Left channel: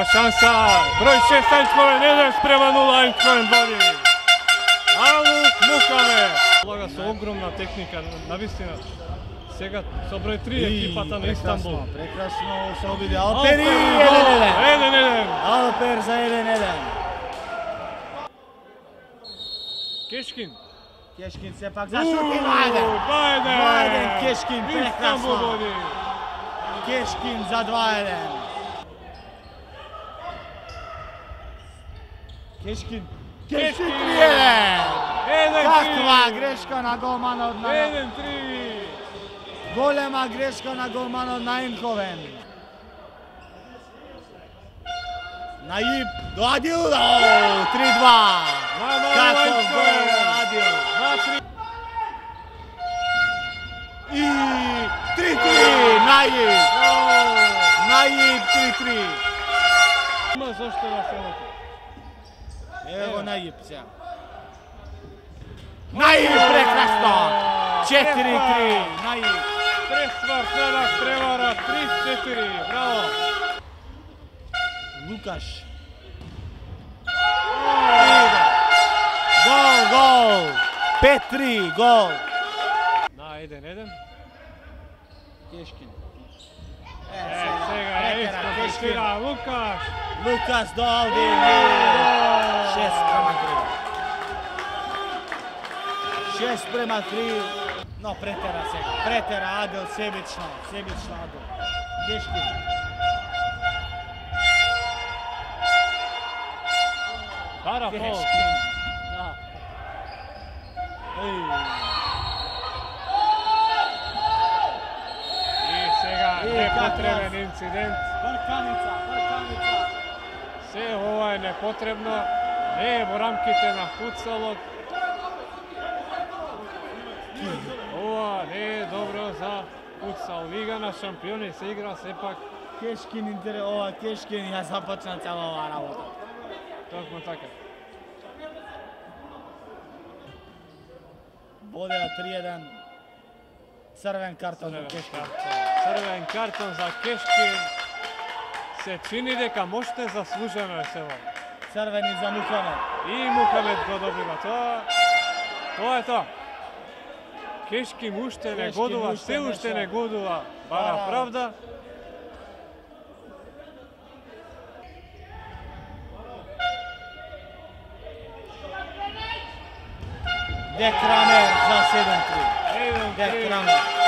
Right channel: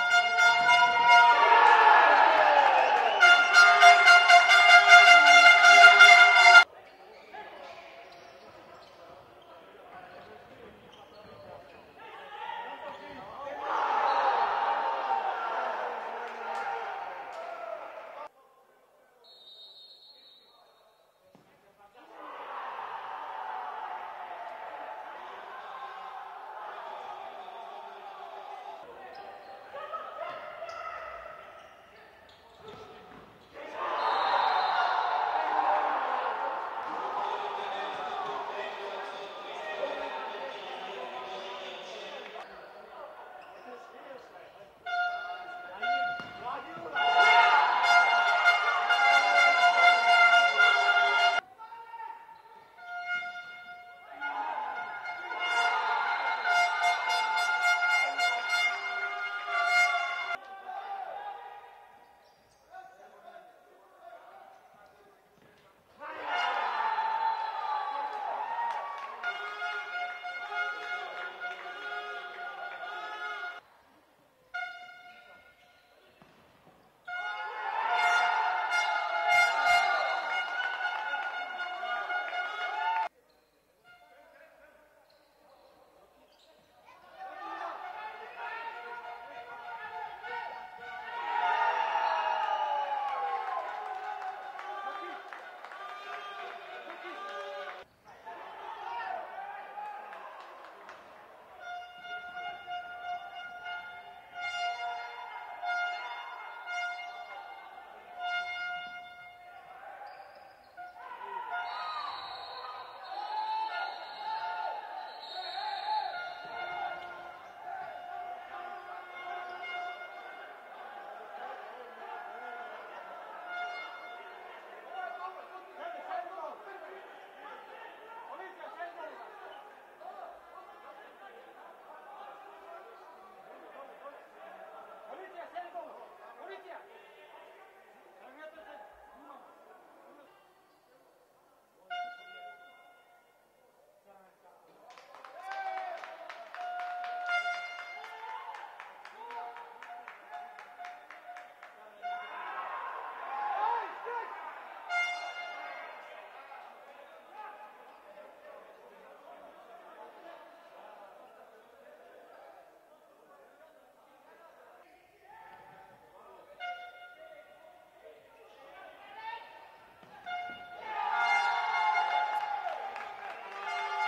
Evo šansa, broj 6 Eindhoven 1 sprema 0 Eindhoven 2. Aluk Muhamed. Loga su ogromna tehnika, navistina. Сега со број 3 екипата на Истанбул. Прекрасно се обиде Алпер и 1-1. Алпер за 1-1. Кешкин. Кешкин се пак за шут и Младен Кешкин прекрасно. Кешкин за 2-1. Кешкин 3-1. Каква грешка на голманот на 1-3. Голема грешка на голманот на Eindhoven. Наиб до Адил, 3-2. Каков гол Адил. И 3-3, Наиб. Наиб 3-3. Има зашто да се лопи. Ево Наиб сега. Наиб прекрасно. 4-3, Наиб. Пресвар, Фелак, превара, 3-4, браво! Лукаш. Гол! 5-3, гол! На 1-1. Кешкин. Сега е изпостира Лукаш. Лукаш до Алдин. 6-3. Но претера сега. Претера Адил себично Адил. Кешкин. Пара фол. Да. И сега непотребен инцидент. Брканица. Се ова е непотребно. Не е во рамките на футсалот. Ова не е добро за футсал. Лига на шампиони се игра сепак. Кешкин Кешкин ја започна цела оваа работа. Токму така. Бодеа 3-1. Црвен картон за Кешкин. Црвен картон за Кешкин. Се чини дека можете заслужено е сево. Црвени за Мухамед. И Мухамед го добива. Тоа е тоа. Кешкин уште не годува, се уште не годува. Бара правда. Декрамер за 7-3. Декрамер.